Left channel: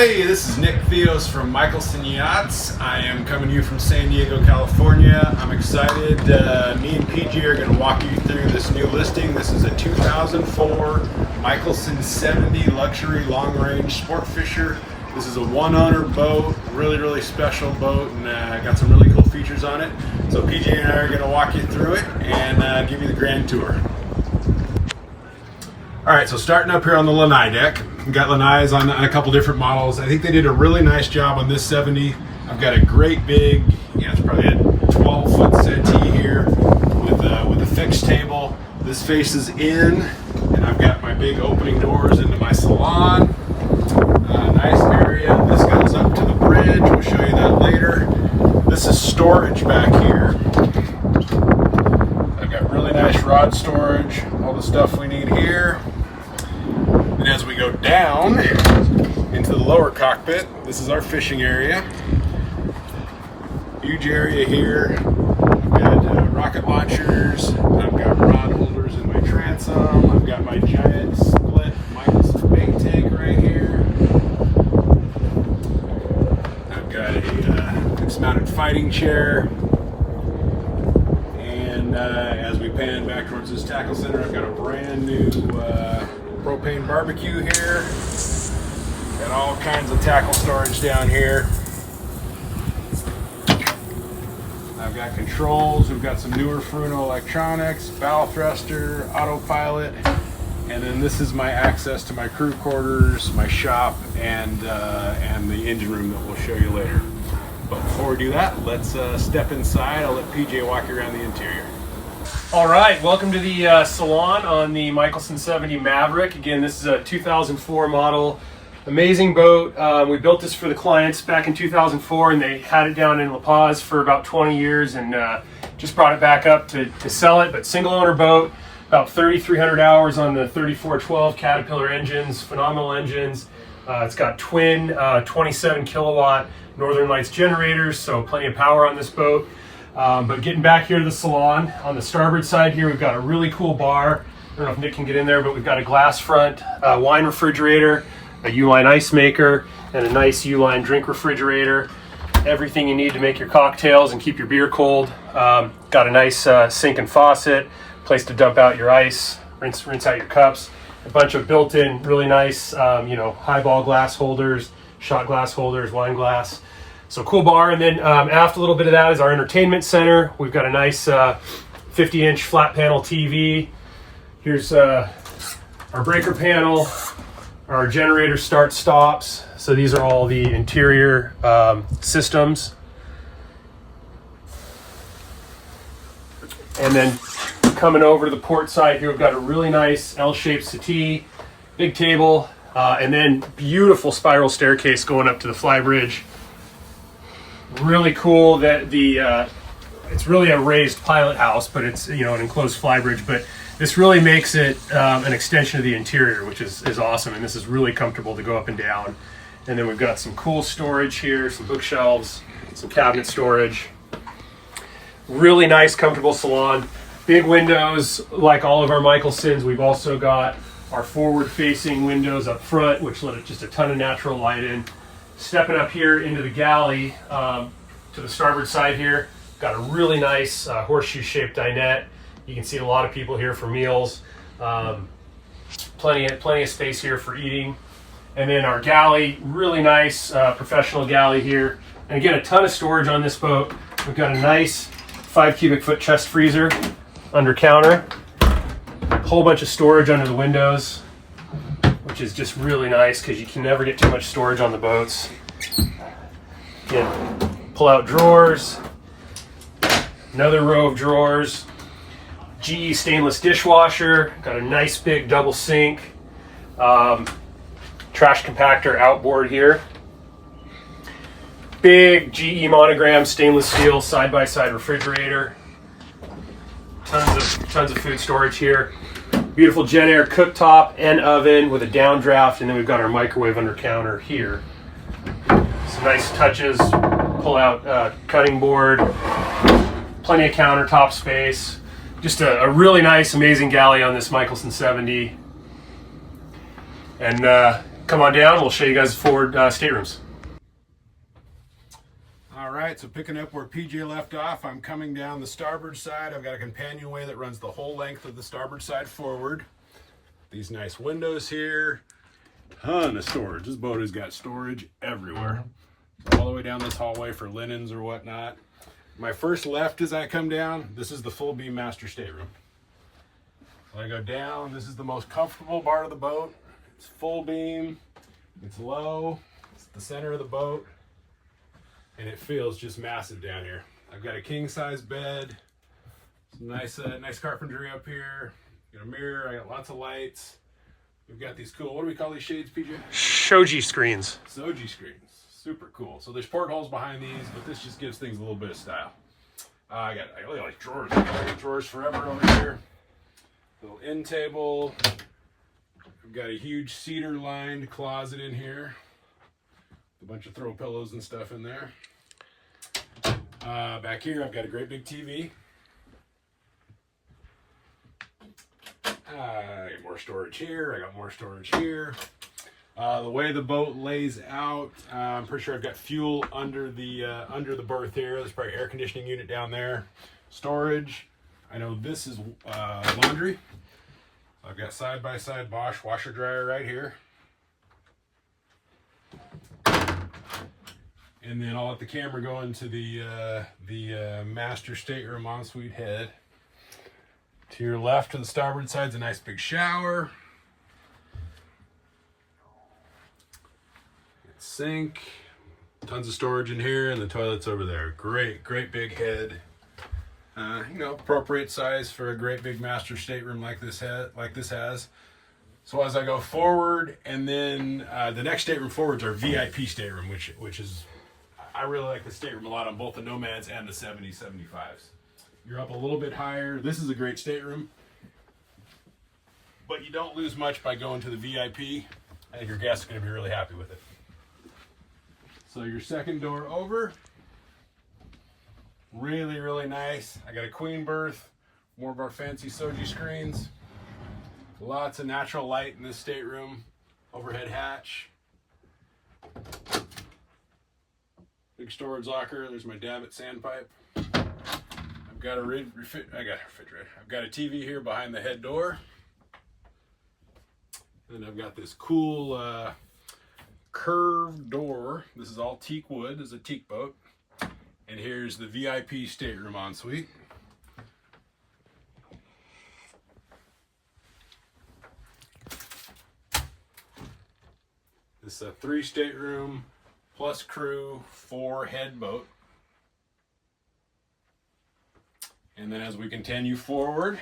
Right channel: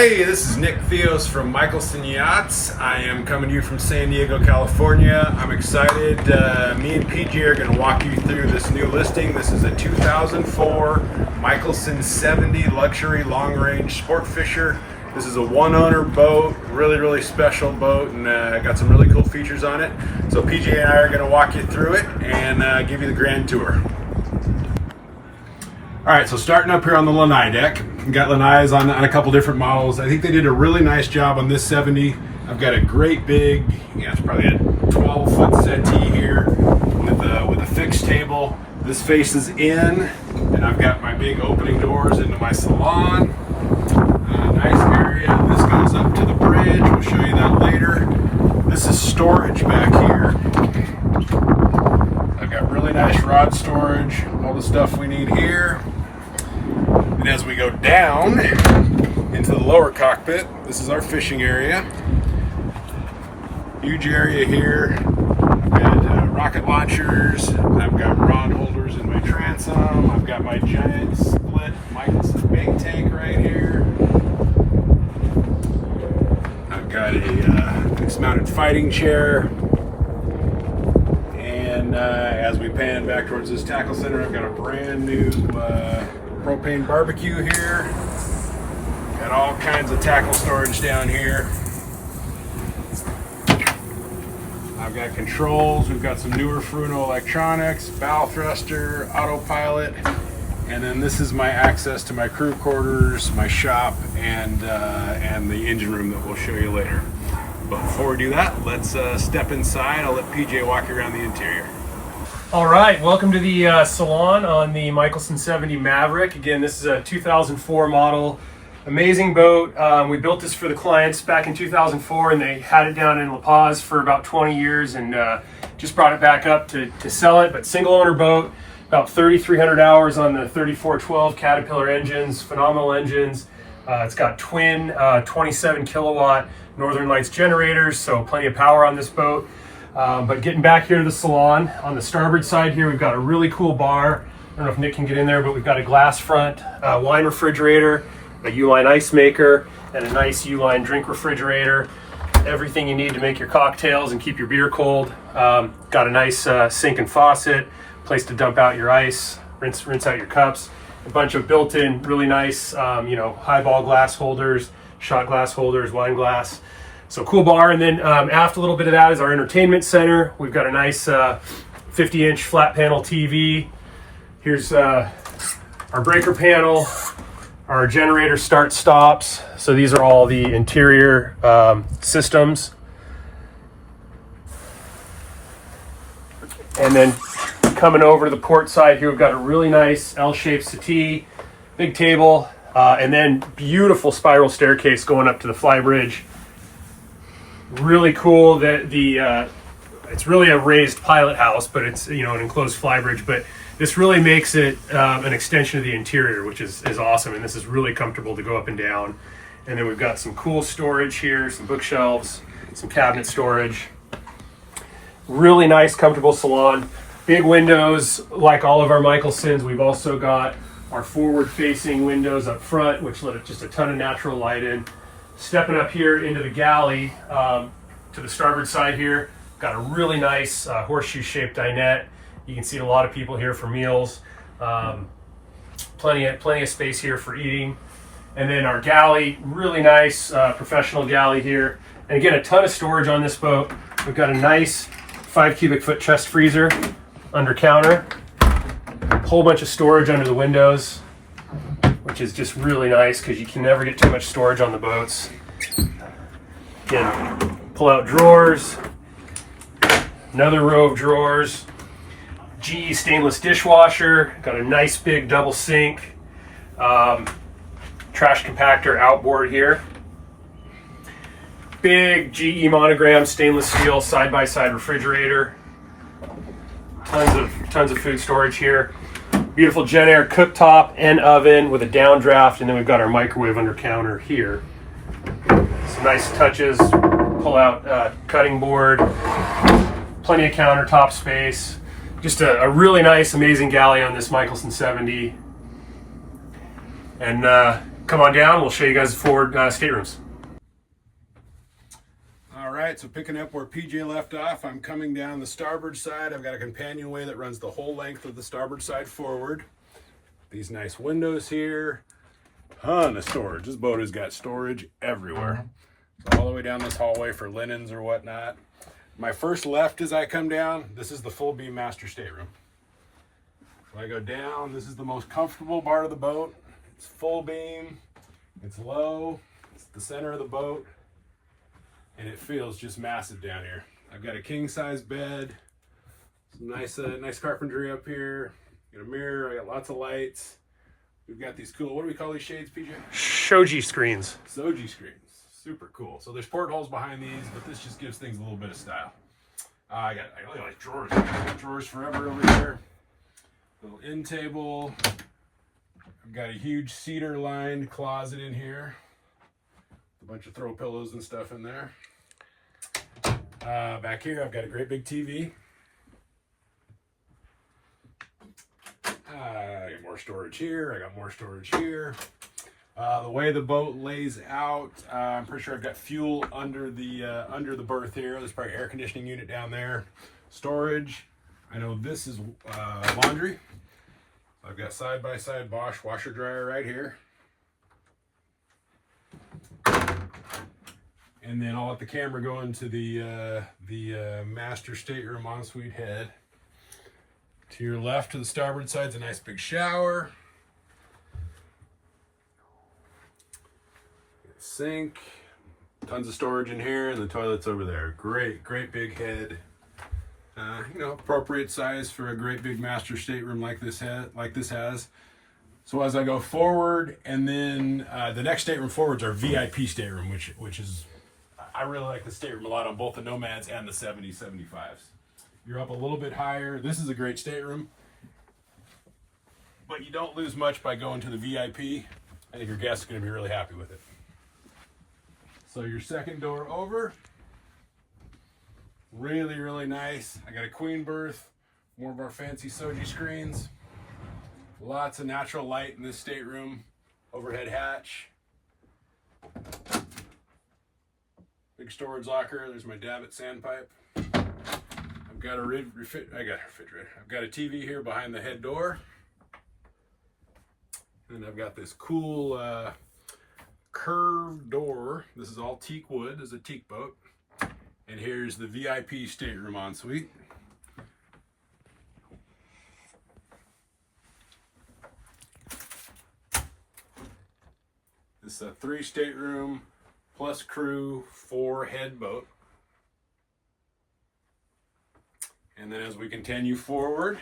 Hey, this is Nick Theos from Mikelson Yachts. I am coming to you from San Diego, California. I'm excited. Me and PJ are going to walk you through this new listing. This is a 2004 Mikelson 70 luxury long-range sport fisher. This is a one-owner boat, really special boat, and got some really cool features on it. So PJ and I are going to walk you through it and give you the grand tour. All right, so starting up here on the lanai deck, we've got lanais on a couple different models. I think they did a really nice job on this 70. I've got a great big, it's probably a 12-foot settee here with a fixed table. This faces in, and I've got my big opening doors into my salon. Nice area. This goes up to the bridge. We'll show you that later. This is storage back here. I've got really nice rod storage, all the stuff we need here. And as we go down into the lower cockpit, this is our fishing area. Huge area here. I've got rocket launchers. I've got rod holders in my transom. I've got my giant split Mikelson big tank right here. I've got a fixed-mounted fighting chair. And as we pan back towards this tackle center, I've got a brand new propane barbecue here. Got all kinds of tackle storage down here. I've got controls. We've got some newer Fruno electronics, bow thruster, autopilot, and then this is my access to my crew quarters, my shop, and the engine room that we'll show you later. But before we do that, let's step inside. I'll let PJ walk you around the interior. All right, welcome to the salon on the Mikelson 70 Maverick. Again, this is a 2004 model. Amazing boat. We built this for the clients back in 2004, and they had it down in La Paz for about 20 years and just brought it back up to sell it. But single owner boat, about 3,300 hours on the 3412 Caterpillar engines, phenomenal engines. It's got twin 27 kilowatt Northern Lights generators, so plenty of power on this boat. But getting back here to the salon, on the starboard side here, we've got a really cool bar. I don't know if Nick can get in there, but we've got a glass front wine refrigerator, a U-line ice maker, and a nice U-line drink refrigerator. Everything you need to make your cocktails and keep your beer cold. Got a nice sink and faucet, place to dump out your ice, rinse out your cups. A bunch of built-in, really nice, highball glass holders, shot glass holders, wine glass. So cool bar. And then aft a little bit of that is our entertainment center. We've got a nice 50-inch flat panel TV. Here's our breaker panel, our generator start stops. So these are all the interior systems. And then coming over to the port side here, we've got a really nice L-shaped settee, big table, and then beautiful spiral staircase going up to the flybridge. Really cool that it's really a raised pilot house, but it's an enclosed flybridge. But this really makes it an extension of the interior, which is awesome. And this is really comfortable to go up and down. And then we've got some cool storage here, some bookshelves, some cabinet storage. Really nice, comfortable salon. Big windows, like all of our Mikelsons. We've also got our forward-facing windows up front, which let just a ton of natural light in. Stepping up here into the galley to the starboard side here, got a really nice horseshoe-shaped dinette. You can see a lot of people here for meals. Plenty of space here for eating. And then our galley, really nice professional galley here. And again, a ton of storage on this boat. We've got a nice 5 cubic foot chest freezer under counter. Whole bunch of storage under the windows, which is just really nice because you can never get too much storage on the boats. Again, pull out drawers, another row of drawers, GE stainless dishwasher, got a nice big double sink, trash compactor outboard here, big GE monogram stainless steel side-by-side refrigerator, tons of food storage here. Beautiful JennAir cooktop and oven with a downdraft, and then we've got our microwave under counter here. Some nice touches, pull out cutting board, plenty of countertop space. Just a really nice, amazing galley on this Mikelson 70. And come on down. We'll show you guys the forward staterooms. All right, so picking up where PJ left off, I'm coming down the starboard side. I've got a companionway that runs the whole length of the starboard side forward. These nice windows here, ton of storage. This boat has got storage everywhere. So all the way down this hallway for linens or whatnot. My first left as I come down, this is the full beam master stateroom. So I go down, this is the most comfortable part of the boat. It's full beam, it's low, it's the center of the boat, and it feels just massive down here. I've got a king size bed, some nice carpentry up here, got a mirror, I got lots of lights. We've got these cool, what do we call these shades, PJ? Shoji screens. Shoji screens, super cool. So there's portholes behind these, but this just gives things a little bit of style. I got like drawers, drawers forever over here. Little end table. I've got a huge cedar lined closet in here. A bunch of throw pillows and stuff in there. Back here I've got a great big TV. I got more storage here. I got more storage here. The way the boat lays out, I'm pretty sure I've got fuel under the berth here. There's probably an air conditioning unit down there. Storage. I know this is laundry. I've got side-by-side Bosch washer dryer right here. And then I'll let the camera go into the master stateroom ensuite head. To your left, to the starboard side, is a nice big shower. Sink, tons of storage in here, and the toilet's over there. Great big head. Appropriate size for a great big master stateroom like this has. So as I go forward, and then the next stateroom forward is our VIP stateroom, which is, I really like the stateroom a lot on both the Nomads and the 70s, 75s. You're up a little bit higher. This is a great stateroom, but you don't lose much by going to the VIP. I think your guests are going to be really happy with it. So your second door over, really nice. I got a queen berth, more of our fancy Shoji screens. Lots of natural light in this stateroom. Overhead hatch. Big storage locker. There's my Dabbit sandpipe. I've got a refrigerator. I've got a TV here behind the head door. And I've got this cool curved door. This is all teak wood. This is a teak boat. And here's the VIP stateroom ensuite. This is a 3 stateroom plus crew 4 head boat. And then as we continue forward,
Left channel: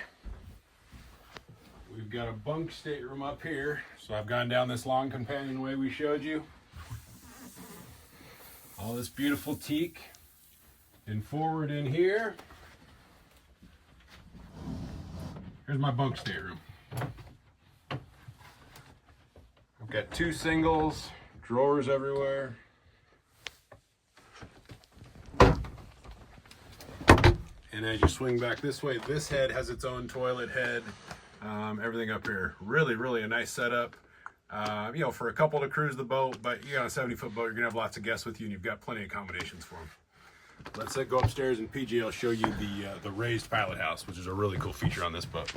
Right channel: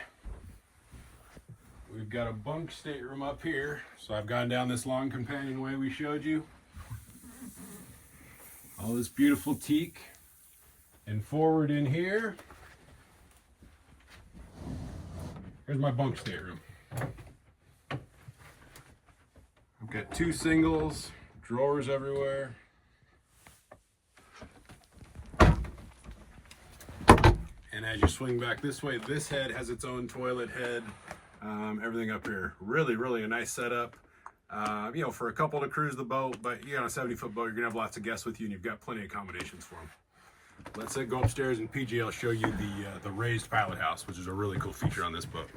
we've got a bunk stateroom up here. So I've gone down this long companionway we showed you. All this beautiful teak. And forward in here, here's my bunk stateroom. I've got 2 singles, drawers everywhere. And as you swing back this way, this head has its own toilet head. Everything up here, really a nice setup. For a couple to cruise the boat, but on a 70-foot boat, you're gonna have lots of guests with you, and you've got plenty of accommodations for them. Let's go upstairs, and PG will show you the raised pilot house, which is a really cool feature on this boat.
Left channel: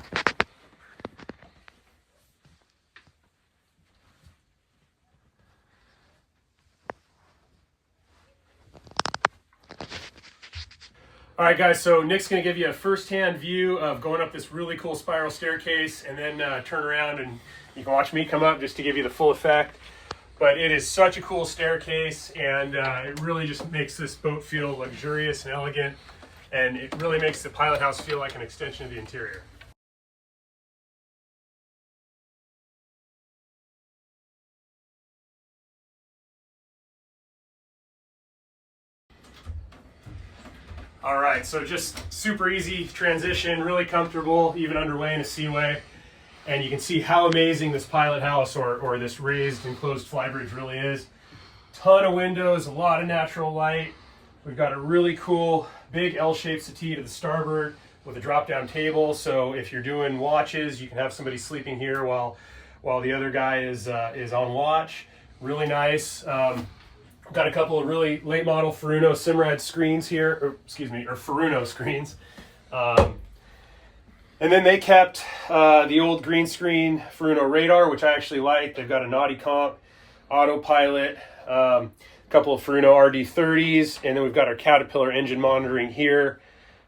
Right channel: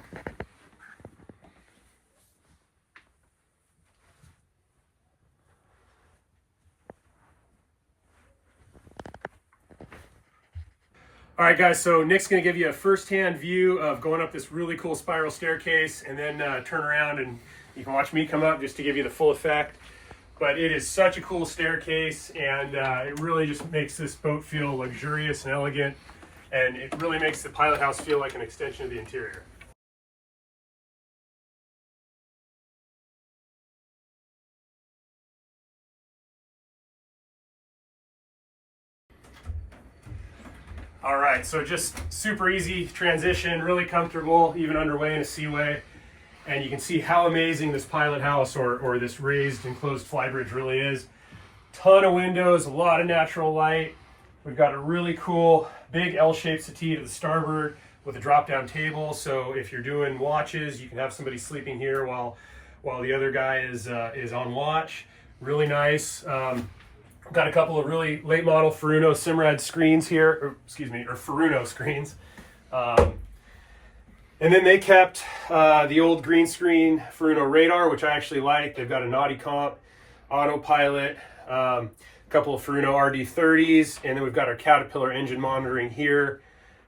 All right, guys, so Nick's going to give you a first-hand view of going up this really cool spiral staircase, and then turn around and you can watch me come up just to give you the full effect. But it is such a cool staircase, and it really just makes this boat feel luxurious and elegant, and it really makes the pilot house feel like an extension of the interior. All right, so just super easy transition, really comfortable, even underway in a seaway. And you can see how amazing this pilot house or this raised enclosed flybridge really is. Ton of windows, a lot of natural light. We've got a really cool big L-shaped settee to the starboard with a drop-down table. So if you're doing watches, you can have somebody sleeping here while while the other guy is on watch. Really nice. Got a couple of really late model Furuno Simrad screens here, or Furuno screens. And then they kept the old green screen Furuno radar, which I actually like. They've got a naughty comp, autopilot, a couple of Furuno RD30s, and then we've got our Caterpillar engine monitoring here,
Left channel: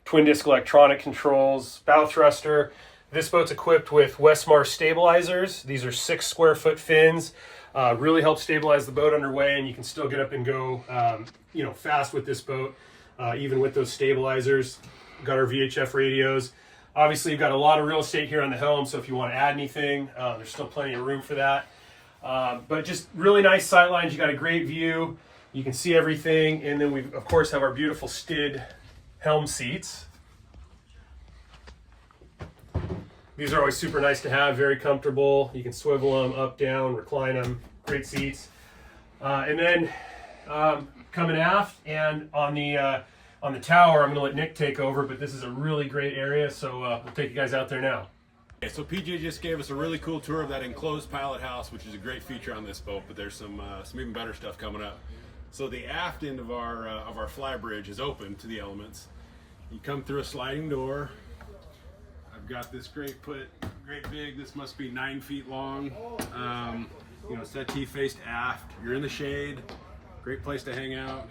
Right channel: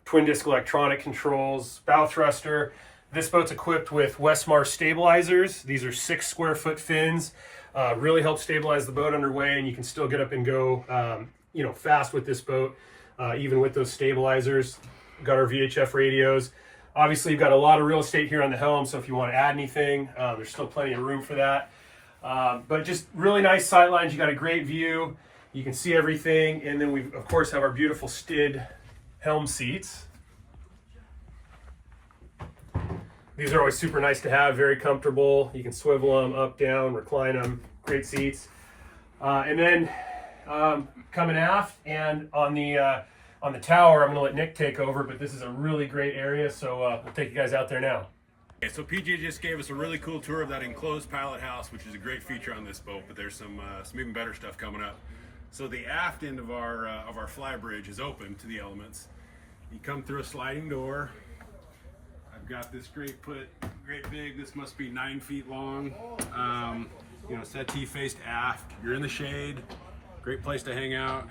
twin disc electronic controls, bow thruster. This boat's equipped with Westmar stabilizers. These are 6 square foot fins. Really help stabilize the boat underway, and you can still get up and go fast with this boat, even with those stabilizers. Got our VHF radios. Obviously, you've got a lot of real estate here on the helm, so if you want to add anything, there's still plenty of room for that. But just really nice sight lines. You got a great view. You can see everything, and then we, of course, have our beautiful STID helm seats. These are always super nice to have, very comfortable. You can swivel them up, down, recline them. Great seats. And then coming aft and on the tower, I'm going to let Nick take over, but this is a really great area, so we'll take you guys out there now. Okay, so PJ just gave us a really cool tour of that enclosed pilot house, which is a great feature on this boat, but there's some even better stuff coming up. So the aft end of our fly bridge is open to the elements. You come through a sliding door. I've got this great big, this must be 9 feet long. Settee faced aft. You're in the shade. Great place to hang out.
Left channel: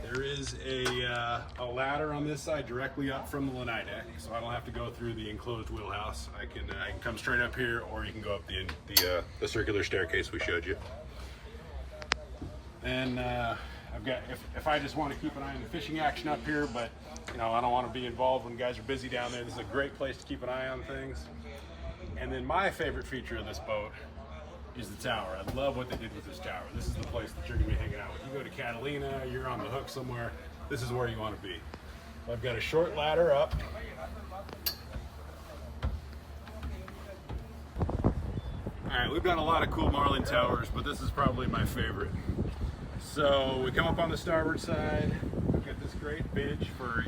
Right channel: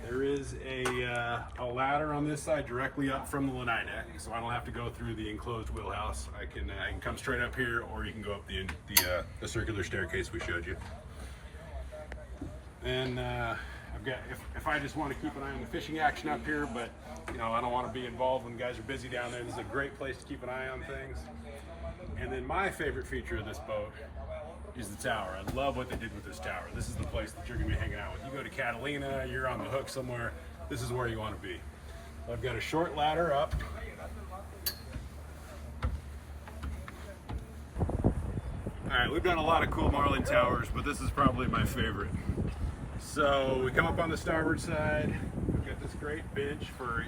There is a ladder on this side directly up from the lanai deck, so I don't have to go through the enclosed wheelhouse. I can come straight up here, or you can go up the circular staircase we showed you. Then I've got, if I just want to keep an eye on the fishing action up here, but I don't want to be involved when guys are busy down there. This is a great place to keep an eye on things. And then my favorite feature of this boat is the tower. I love what they did with this tower. This is the place that you're going to be hanging out with. You go to Catalina, you're on the hook somewhere, this is where you want to be. So I've got a short ladder up. Alright, we've done a lot of cool marlin towers, but this is probably my favorite. So we come up on the starboard side, we've got this great bench for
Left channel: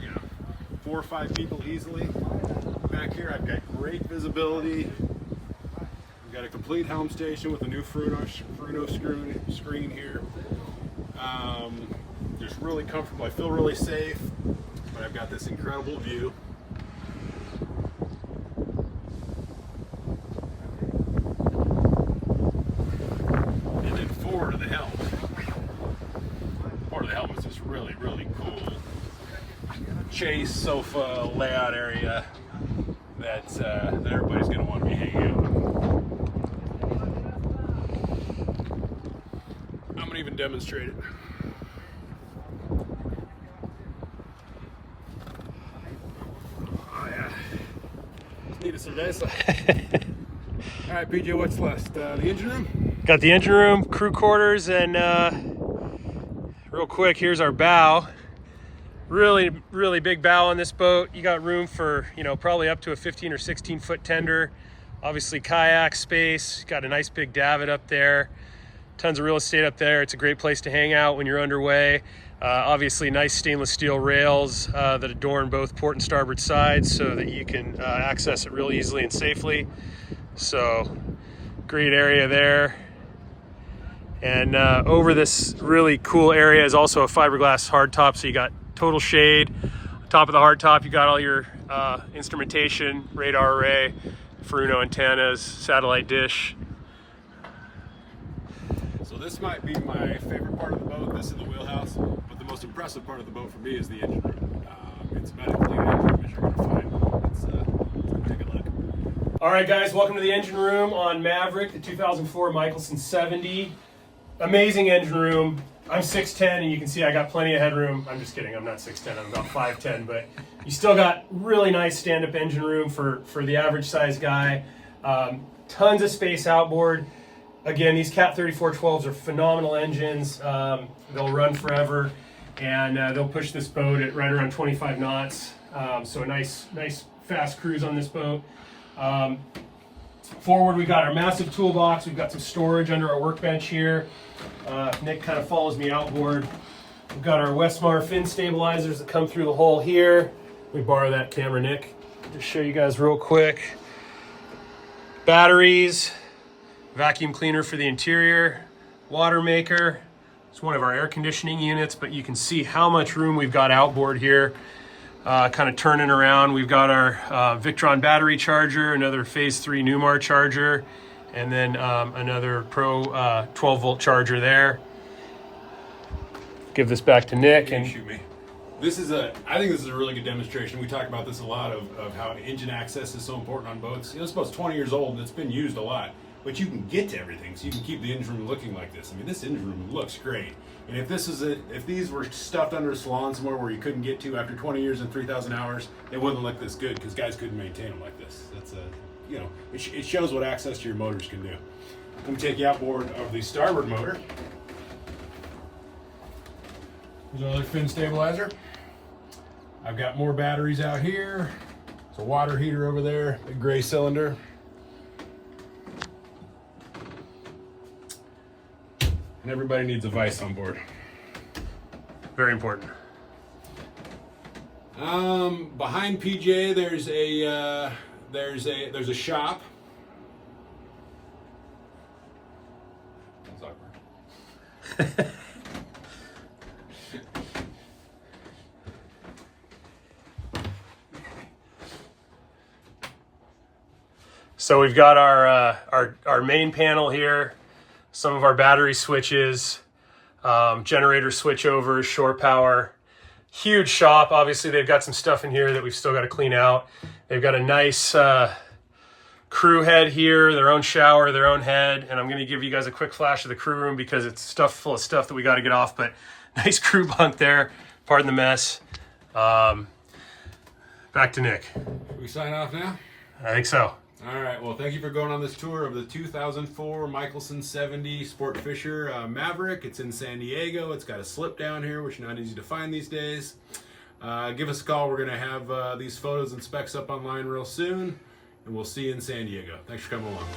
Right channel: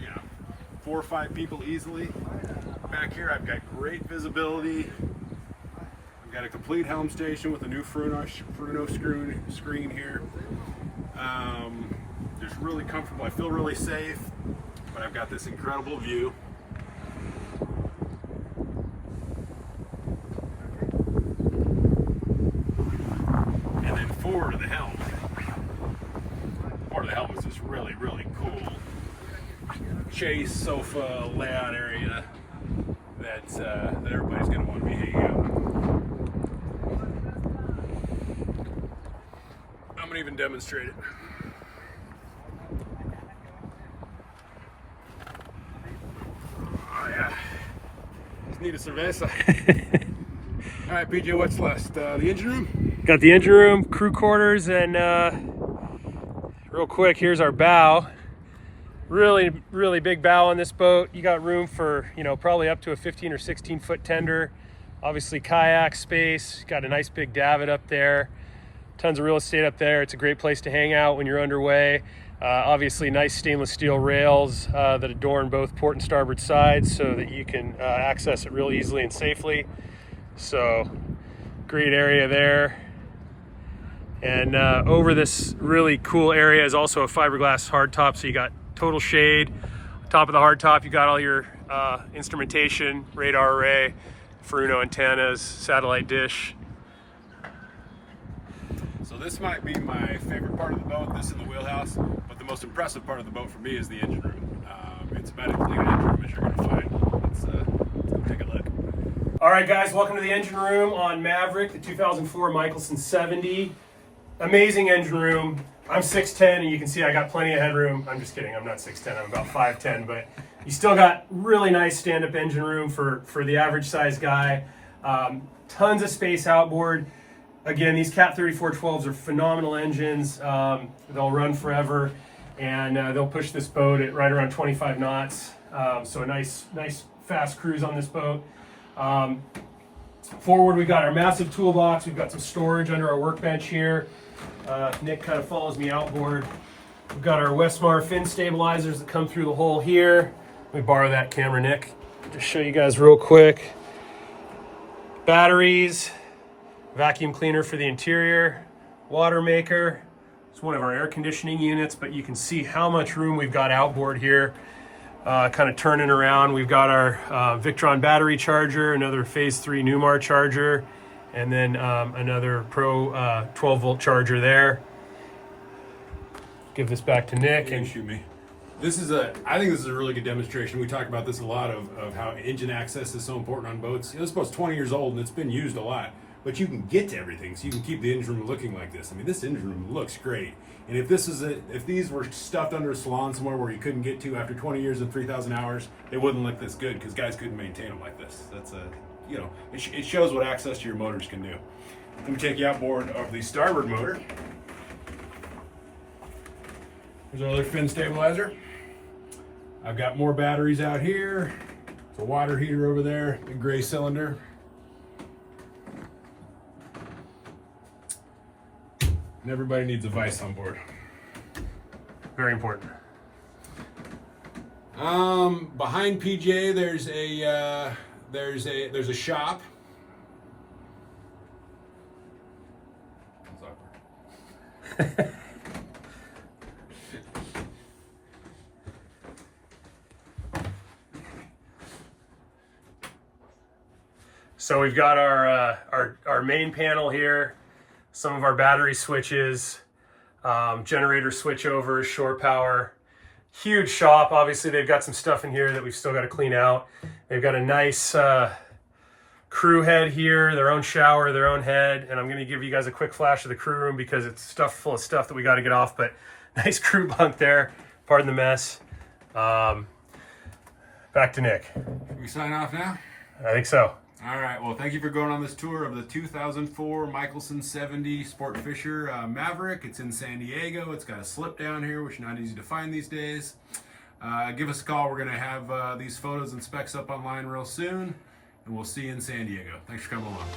4 or 5 people easily. Back here I've got great visibility. I've got a complete helm station with a new Furuno screen here. Just really comfortable. I feel really safe, but I've got this incredible view. And then forward of the helm. Forward of the helm is this really, really cool chase sofa layout area that everybody's going to want to be hanging out with. I'm going to even demonstrate it. Oh yeah, just need a cerveza. All right, PJ, what's last? The engine room? Got the engine room, crew quarters, and real quick, here's our bow. Really, really big bow on this boat. You got room for, probably up to a 15 or 16 foot tender. Obviously kayak space. Got a nice big davit up there. Tons of real estate up there. It's a great place to hang out when you're underway. Obviously nice stainless steel rails that adorn both port and starboard sides so that you can access it real easily and safely. So great area there. And over this really cool area is also a fiberglass hardtop, so you got total shade. On top of the hardtop, you got all your instrumentation, radar array, Furuno antennas, satellite dish. So this might be my favorite part of the boat, this in the wheelhouse, but the most impressive part of the boat for me is the engine room. It's about as big an engine room as you're going to find. Let's take a look. All right, guys, welcome to the engine room on Maverick, the 2004 Mikelson 70. Amazing engine room. I'm 6'10", and you can see I got plenty of headroom. I'm just kidding, I'm not 6'10", I'm about 5'10", but you still got really nice stand-up engine room for the average size guy. Tons of space outboard. Again, these Cat 3412s are phenomenal engines. They'll run forever, and they'll push this boat at right around 25 knots. So a nice fast cruise on this boat. Forward, we've got our massive toolbox. We've got some storage under our workbench here. Nick kind of follows me outboard. We've got our Westmar fin stabilizers that come through the hole here. Let me borrow that camera, Nick, to show you guys real quick. batteries, vacuum cleaner for the interior, water maker. It's one of our air conditioning units, but you can see how much room we've got outboard here. Kind of turning around. We've got our Victron battery charger, another phase 3 Newmar charger, and then another Pro 12 volt charger there. Give this back to Nick. And shoot me. I think this is a really good demonstration. We talk about this a lot of how engine access is so important on boats. This boat's 20 years old and it's been used a lot, but you can get to everything, so you can keep the engine room looking like this. I mean, this engine room looks great. And if these were stuffed under a salon somewhere where you couldn't get to after 20 years and 3,000 hours, they wouldn't look this good because guys couldn't maintain them like this. That's it shows what access to your motors can do. Let me take you outboard of the starboard motor. Here's our other fin stabilizer. I've got more batteries out here. There's a water heater over there, the gray cylinder. And everybody needs a vise on board. Very important. Behind PJ, there's a shop. So we've got our main panel here, some of our battery switches, generator switchovers, shore power. Huge shop. Obviously, they've got some stuff in here that we've still got to clean out. They've got a nice crew head here, their own shower, their own head, and I'm going to give you guys a quick flash of the crew room because it's stuffed full of stuff that we got to get off, but nice crew bunk there. Pardon the mess. Back to Nick. Can we sign off now? I think so. All right, well, thank you for going on this tour of the 2004 Mikelson 70 Sport Fisher Maverick. It's in San Diego. It's got a slip down here, which is not easy to find these days. Give us a call. We're going to have these photos and specs up online real soon, and we'll see you in San Diego. Thanks for coming along.